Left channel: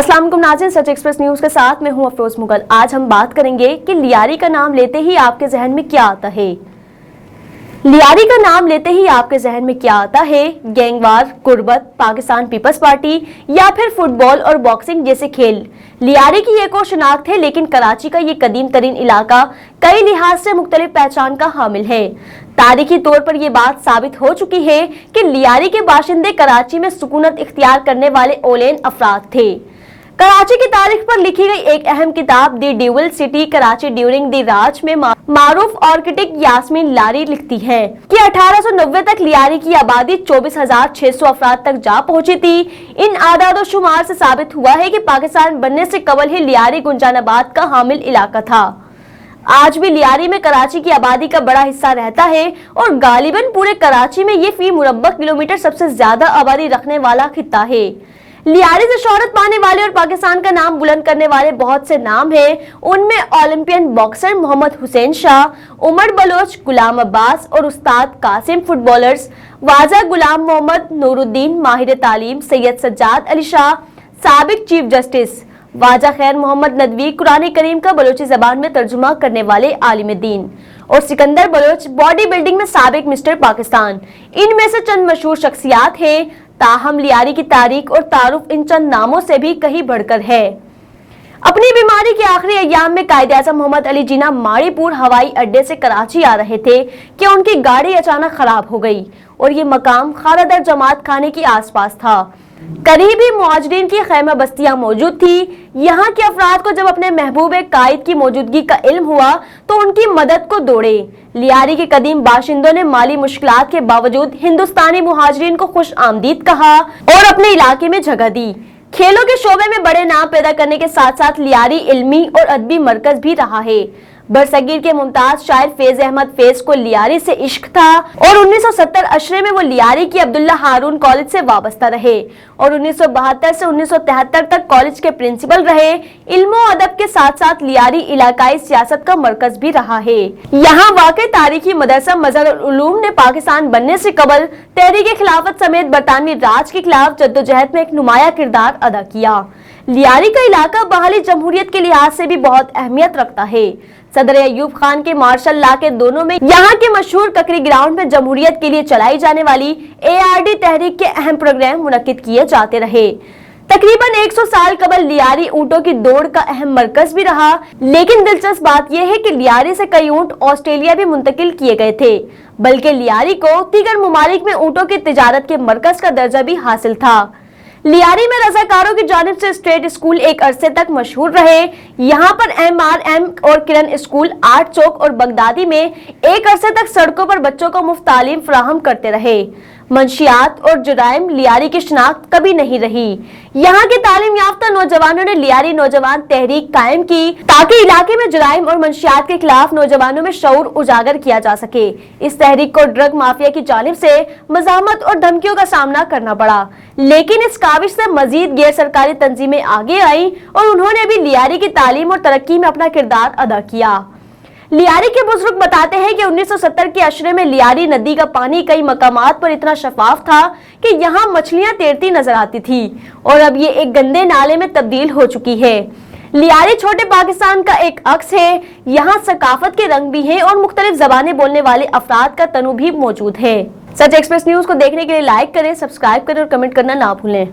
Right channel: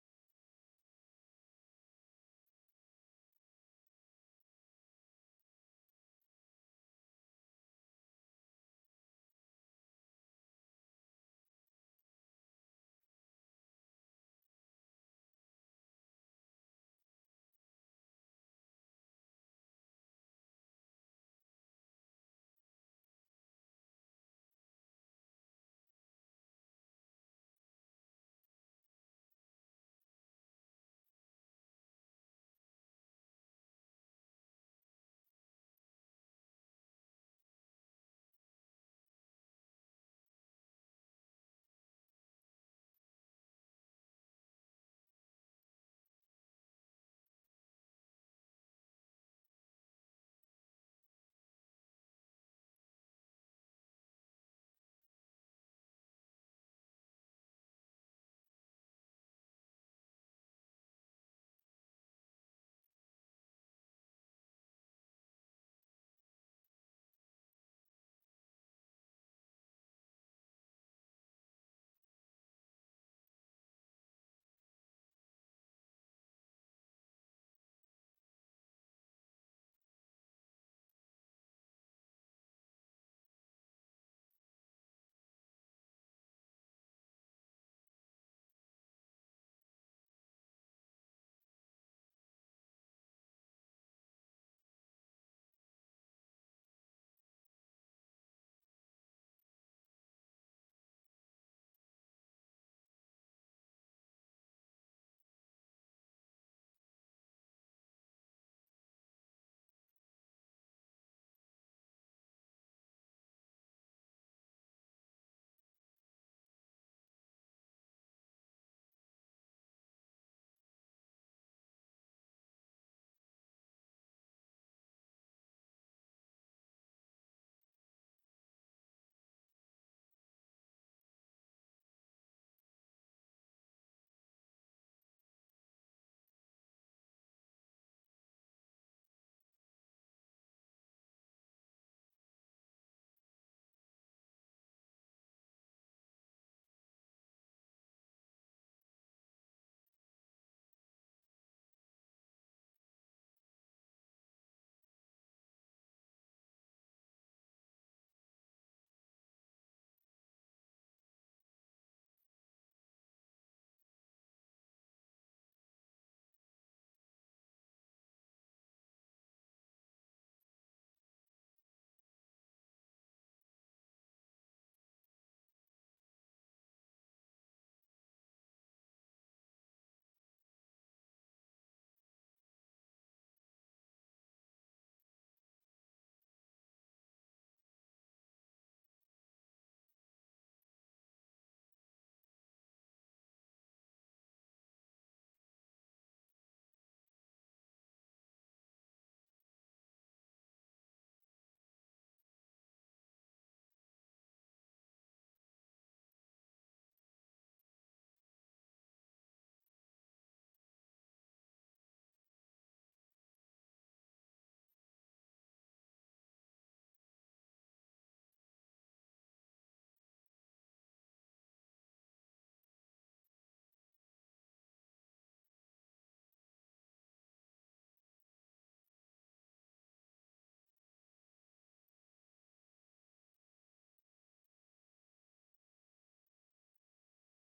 अस्सलाम वालेकुम नाज़रीन, सच एक्सप्रेस न्यूज के साथ मैं हूं अफरोज मुगल। आज हम बात करेंगे कि लियारी का नाम लेते ही आपके जहन में क्या आता है। लियारी का नाम लेते ही आपके जहन में क्या आता है? गैंगवार, गुर्बत, पाकिस्तान पीपल्स पार्टी या फिर फुटबॉल और बॉक्सिंग जैसे खेल। लियारी की एक और शनाख्त है, लेकिन कराची का ये कदीम तरीन इलाका कई लिहाज से मुख्तलिफ पहचान का हामिल है। तारीखी तौर पर यह बात साबित हो चुकी है कि लियारी के बाशिंदे कराची में सुकूनत इख्तियार करने वाले ओलेन अफराद थे। कराची की तारीख पर लिखी गई एक अहम किताब the dual city Karachi during the Raj में मारूफ आर्किटेक्ट यास्मीन लारी लिखती है कि 1890 तक लियारी की आबादी 24,600 अफराद तक जा पहुंची थी। इन आदाद शुमार से साबित हुआ है कि पाकिस्तान बनने से कबल ही लियारी गुंजानाबाद का हामिल इलाका था। आज भी लियारी में कराची की आबादी का बड़ा हिस्सा रहता है और गालिबन पूरे कराची में ये फी मुरब्बा किलोमीटर सबसे ज्यादा आबादी रखने वाला खित्ता है। लियारी से शोहरत पाने वाले और पाकिस्तान का नाम बुलंद करने वाले बहुत से नाम हैं। उनमें ओलंपियन बॉक्सर मोहम्मद हुसैन शाह, उमर बलोच, गुलाम अब्बास और उस्ताद कासिम, फुटबॉलर्स वाजा गुलाम मोहम्मद, नूरुद्दीन माहिर तालीम, सैयद सज्जाद अली शाह, साबिक चीफ जस्टिस वाजा खैर मोहम्मद नदवी, कुरान करीम का बलोची जबान में तर्जुमा करने वाले आलिम दीन, और सिकंदर बलोच बॉडी बिल्डिंग में साबिक मिस्टर पाकिस्तान। इनमें से चंद मशहूर शख्सियात हैं। ताहम लियारी की तारीख और तारुफ इन चंद नामों से भी कहीं बढ़कर है। अपनी बीमारी के आखिरी अय्याम में कायदे आज़म मोहम्मद अली जिन्ना माड़ीपुर हवाई अड्डे से कराची आ रहे थे कि उनकी गाड़ी अचानक खराब हो गई और ये मकाम खारादर जमात खाने के आसपास था। करीब ही मुहाजिरीन की खैमा बस्तियां मौजूद थी। यहाँ के अफराद को जब अपने महबूब कायद की मौजूदगी का इल्म हुआ तो उनकी मदद को दौड़े। लियारी के कदीम बाशिंदों ने माली मुश्किलात के बावजूद हिंदुस्तानी मुहाजिरीन को खुश आमदीद कहा और अपने इलाके में जगह दी। खेलों के शोबे में बड़े नाम पैदा करने के साथ साथ लियारी इल्मी और अदबी मरकज भी रहा है। बरसगीर के मुमताज शायर फैज अहमद फैज को लियारी से इश्क था और 1970 अशरे में वो लियारी की अब्दुल्ला हारून कॉलेज से वाबस्ता रहे और 1972 से 1973 तक कॉलेज के प्रिंसिपल रहे। इल्मो अदब के साथ साथ लियारी इलाकाई सियासत का मरकज भी रहा है। यहाँ वाक़ई तारीखी मदरसा मज़हर उलूम ने पाकिस्तान बनने से कबल तहरीक खिलाफत समेत बरतानवी राज के खिलाफ जद्दोजहद में एक नुमाया किरदार अदा किया। लियारी का इलाका बहाली जमहूरियत के लिहाज से भी बहुत अहमियत रखता है। सदर अयूब खान के मार्शल लॉ के दोनों में यहाँ के मशहूर ककरी ग्राउंड में जमहूरियत के लिए चलाई जाने वाली ARD तहरीक के अहम प्रोग्राम मुनक्किद किए जाते रहे। तकरीबन 100 साल कबल लियारी ऊंटों की दौड़ का अहम मरकज भी रहा, लेकिन दिलचस्प बात यह है कि लियारी से कई ऊंट ऑस्ट्रेलिया भी मुंतकिल किए गए थे, बल्कि लियारी को दीगर ममालिक में ऊंटों की तिजारत के मरकज का दर्जा भी हासिल था। लियारी में रजाकारों की जानिब से स्टेट स्कूल एक अरसे तक मशहूर रहे। यहाँ पर MRM और किरण स्कूल, आर्ट चौक और बगदादी में एक अरसे तक सड़कों पर बच्चों को मुफ्त तालीम फराहम करते रहे। मंशियात और जुराइम लियारी की शनाख्त कभी नहीं रही। यहाँ के तालीम याफ्ता नौजवानों ने लियारी नौजवान तहरीक कायम की ताकि इलाके में जुराइम और मंशियात के खिलाफ नौजवानों में शऊर उजागर किया जा सके। इस तहरीक को ड्रग माफिया की जानिब से मज़ाहमत और धमकियों का सामना करना पड़ा, लेकिन इस काविश से मजीद गैर सरकारी तंजीमें आगे आई और उन्होंने भी लियारी की तालीम और तरक्की में अपना किरदार अदा किया। लियारी के बुजुर्ग बताते हैं कि 1970 के अशरे में लियारी नदी का पानी कई मकामात पर इतना शफाफ था कि यहाँ मछलियां तैरती नजर आती थी और अब ये एक गंदे नाले में तब्दील हो चुकी है। लियारी छोटे पाकिस्तान का एक अक्स है। यहाँ सकाफत के रंग भी हैं और मुख्तलिफ जबानें बोलने वाले अफराद का तनु भी मौजूद है। सच एक्सप्रेस न्यूज को देखने के लिए लाइक करें, सब्सक्राइब करें और कमेंट करना ना भूलें।